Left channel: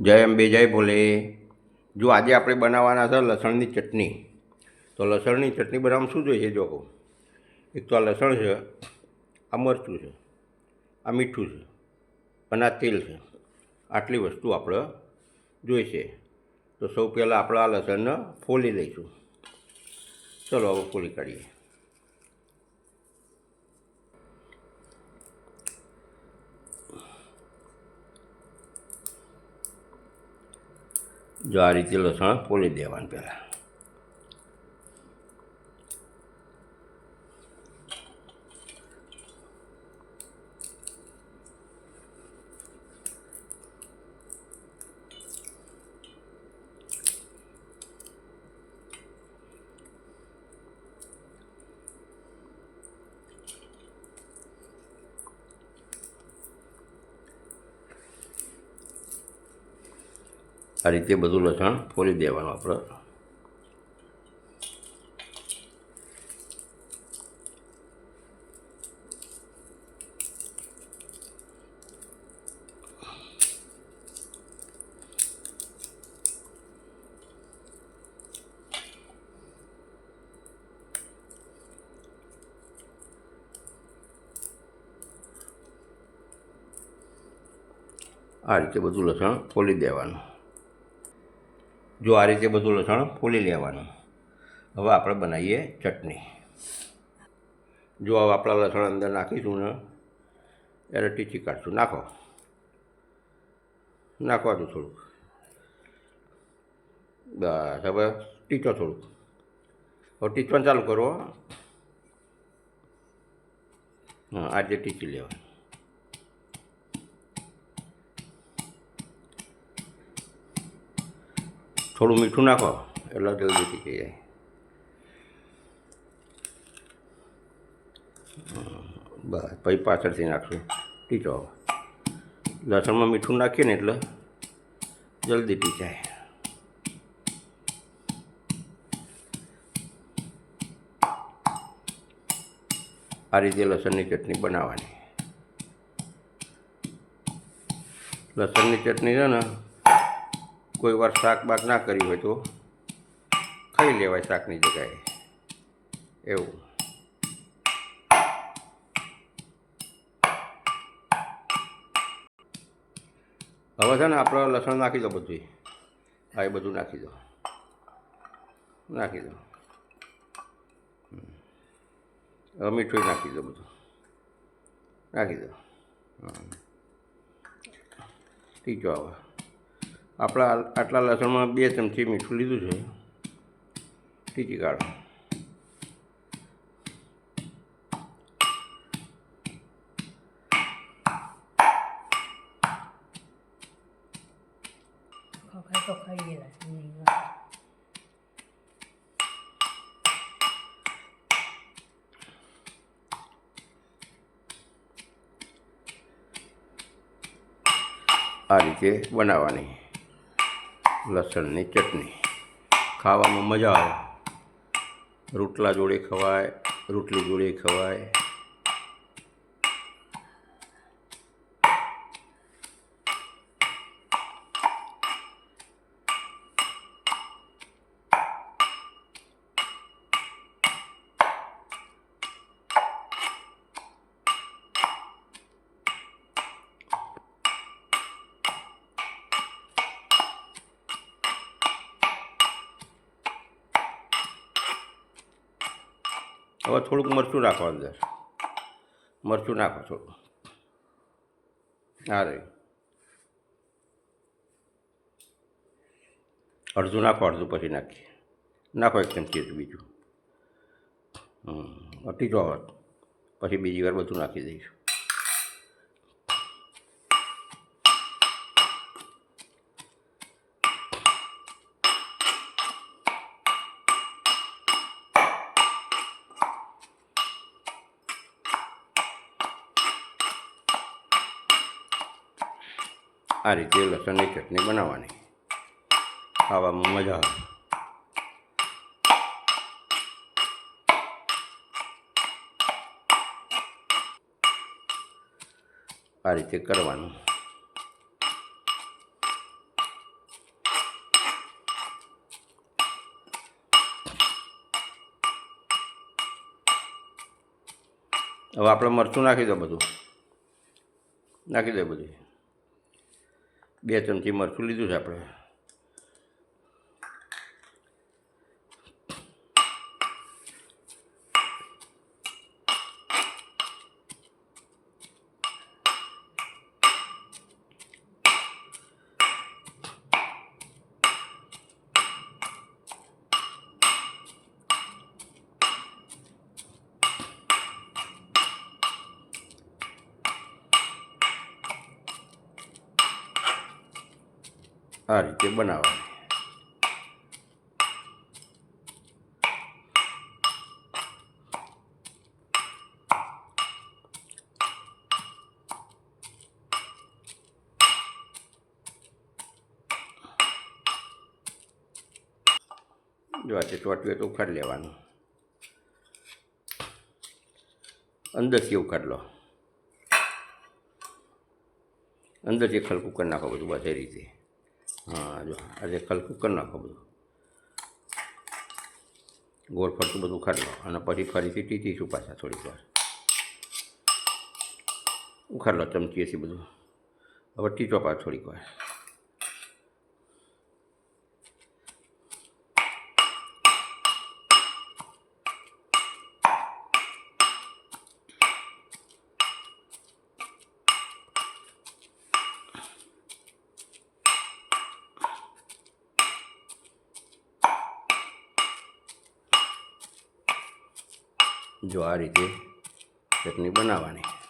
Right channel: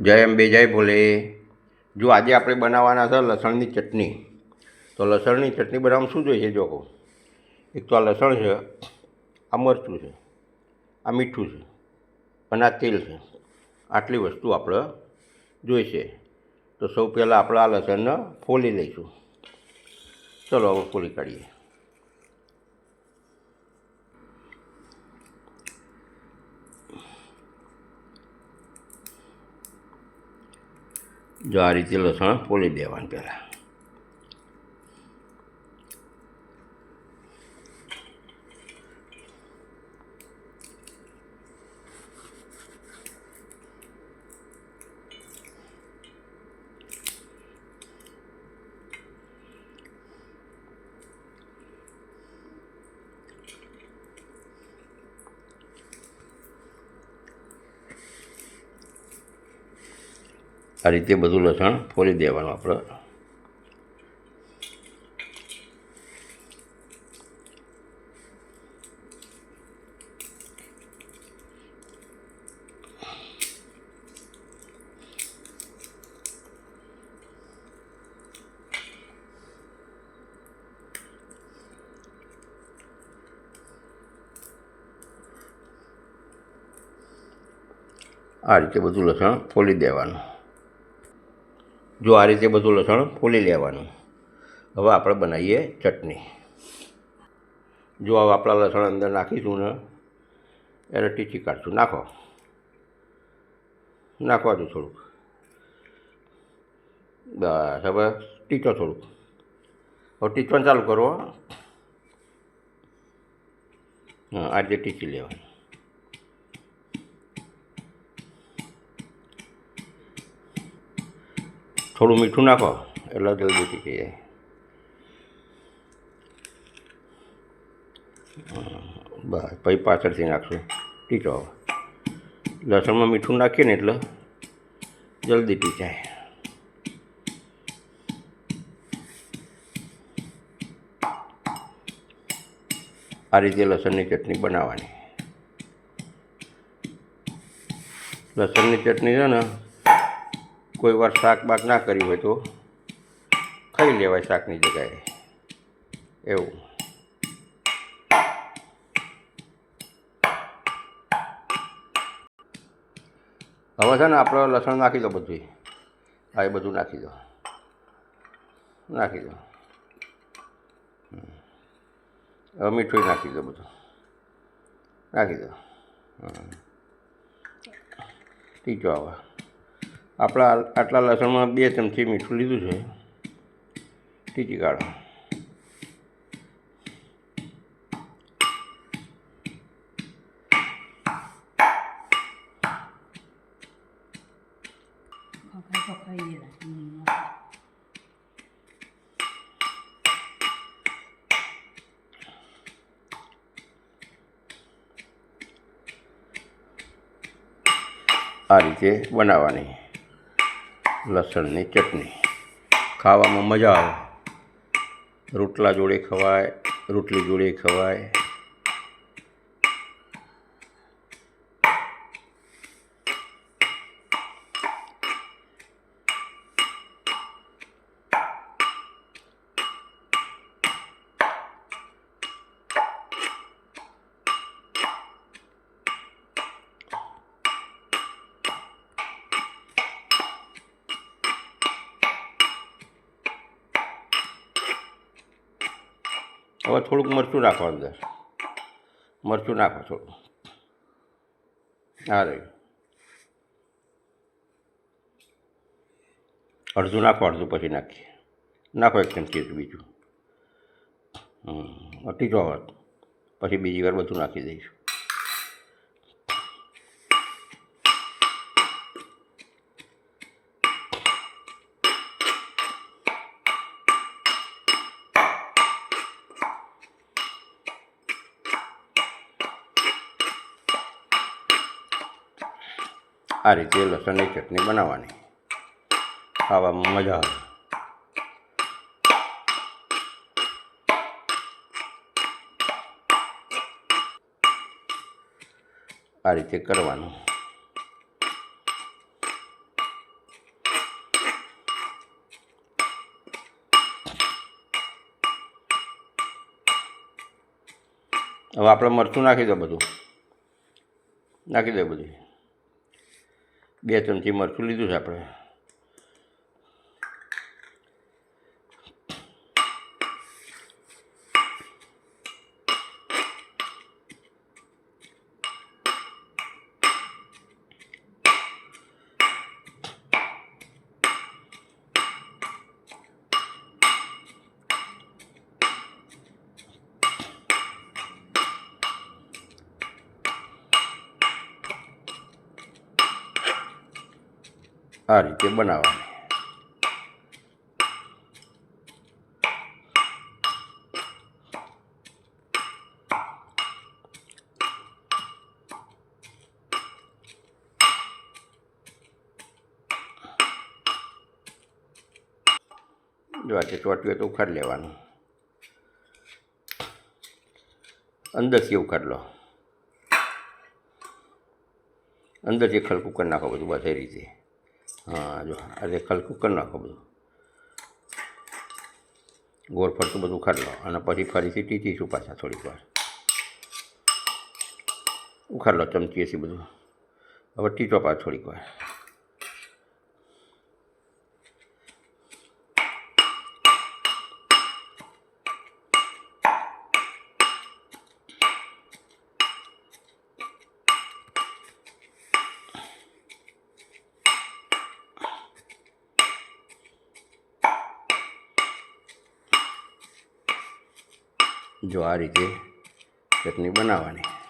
જય અંબે જય ભોલે. જો આજે આપણે બનાવવાના છે લસણની ચટણી. તો લસણની ચટણી બનાવવામાં શું જોઈએ જો એક તો આ લસણ છે, આ મરચું છે, આ મીઠું છે, અને આ તેલ છે. આટલી વસ્તુ આપણે જોઈશે તો સૌ પહેલાં આપણે આ લસણને ફોલી લઈશું. ચલો હવે ફોલી કાઢીએ. જો આ રીતે લસણ ફોલી દેવાનું પહેલાં. આ રીતે બધું લસણ ફોલી દેવાનું આપણે. આ રીતે બધું લસણ ફોલી દેવાનું. જો આ રીતે બધું લસણ ફોલી લેવાનું. હવે આપણે બનાવીએ ચટણી. જો હવે આપણા લસણ અંદર નાખીશું ને, એને ટીચી કાઢશું. નાખો. નાખવા દો થોડુંક. બસ, હવે ટીચો થોડુંક. હવે ટીચવાનું ચાલુ કરો હો. આ રીતે ટીચી લેવાની. થોડું મીઠું નાખો, એટલે જલ્દી ટીકી જાય. બસ, પછી પાછળથી નાખશું. ટીચો લસણમાં મીઠું નાખીએ ને એટલે જલ્દી ટીચાય આ રીતે લસણની ચટણી બનાવવાની. લસણની ચટણી છે ને કોઈ વાર શાક ના કર્યું હોય તો ખાઈ લેવાય શાકની જગ્યાએ. એવું. હવે છે ને આપણે લસણ નાખી દો બધું હા, એ બધું નાખી દો. નાખી દો. હવે મીઠું નાખી દો બધું. નાખી દો. હમ. ટીચો આવે આપણા આટલા લસણમાં બે ચમચી મીઠું લીધું છે. ટીચી કાઢો. આ રીતે બનાવવાની. લસણની ચટણી. ખાવામાં મજા આવે. રોટલા જોડે ખવાય રોટલી જોડે ખવાય. હવે થોડુંક મરચું નાખો અંદર મરચું નાખો થોડું. હા રહ્યું. અડધું નાખો, અડધું પછી નાખીએ. નાખો એક ચમચી બીજું. હમ અટી જો પછી બીજી વાર બધું નાખી દઈશું. આ રીતે લસણની ચટણી બનાવવાની. ખાવામાં મજા આવે. આ રીતે કરવાનું. હવે આપણે મરચું નાખી દો બધું. નાખી દે બધું. બે ચમચી મરચું લીધું છે આપણે. આ રીતે બનાવવાની. જો આ ચોટ્યું તો ઉખાડી લેવાનું. અંદરથી ઉખાડ લો. અંદરથી ખલકું કરી નાખો બધું બસ રીતે. હા જો આજે ખલકું કરી નાખો બધું. ગોળ ફરતું બધું ખાઈ લો. અને પછી ફરીથી ટીચીશું પાછા થોડીક વાર. ઉખાડ લો ચમચીએથી બધું. હવે ટીચો પાછ થોડીક વાર. જો આ રીતે ચટણી બનાવવાની.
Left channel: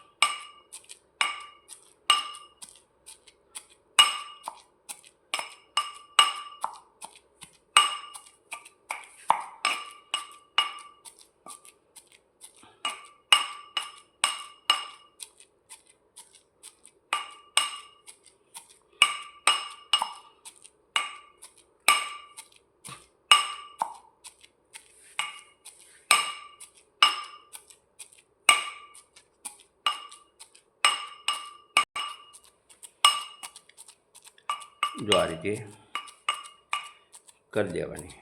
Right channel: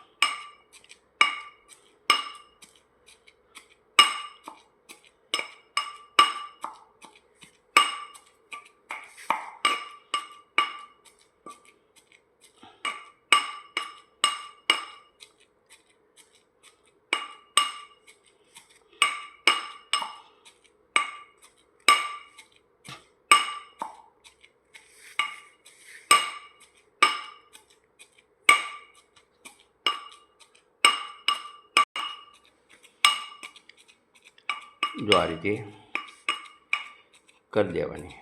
જો આ રીતે કરી દેવાની.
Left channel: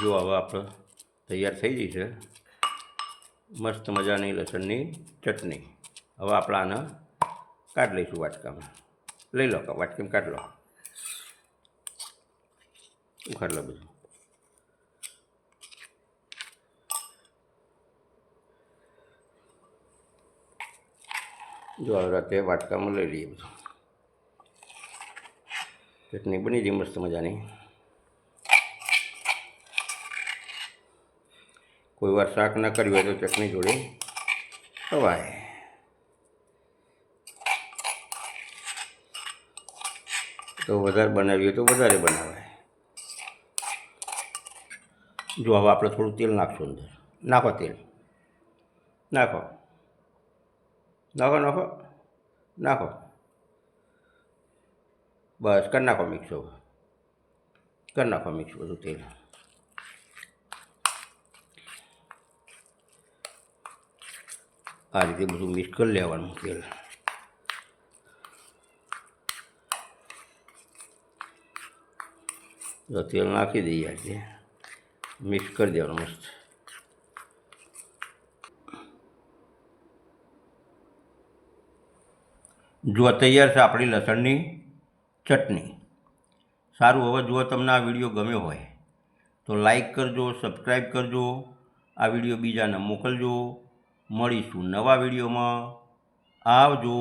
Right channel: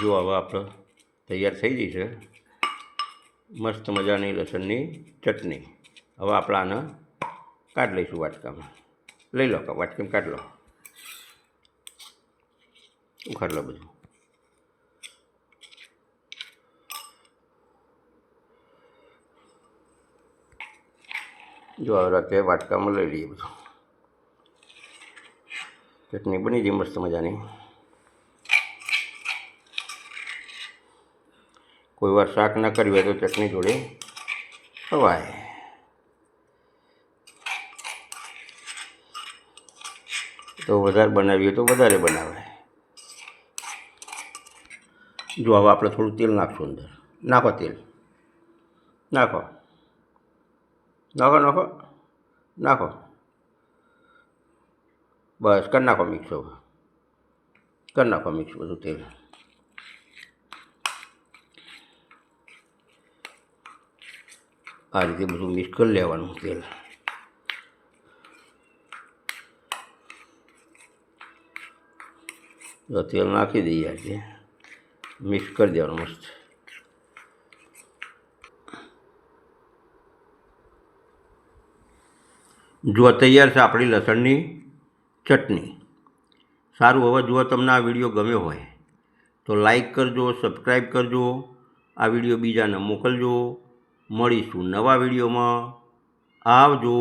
જો હવે આપણે તૈયાર થઈ ગઈ છે, મસ્ત મજાની લસણની ચટણી. હવે આપણે આને કાઢ લઈશું વાટકામાં. લઈ લો વાટકીમાં કાઢ લો. ઉખાડ લો બધું. જો રાતે વાટકામાં લઈ લઈએ બધું. ચટણી બની ગઈ મસ્ત મજાની. કોઈ વાર શાક ના કર્યું હોય તો ચટણી જોડે ખવાય. તો વધારે બનાવીએ તો વધારે બનાવાય. જો હવે આપણે થોડું તેલ નાખશું અંદર. નાખો તેલ. નાખો. નાખો નાખો. નાખો. બસ કરી નાખો મિક્સ હવે. કરી નાખો મિક્સ બધું તેલ. આ રીતે બધું મિક્સ કરી લેવાનું તેલ. તો તેલ નાખી દઈએ આ મિક્સ કરી દેવાનું મસ્ત. જો તૈયાર છે આપણી લસણની ચટણી. સારું, હવે જો તમને આ વીડિયો ગમ્યો હોય તો લાઈક કરજો, સબસ્ક્રાઈબ કરજો, આ વીડિયો બીજાને મોકલજો. મળીશું નવા વિડીયોમાં. આવજો.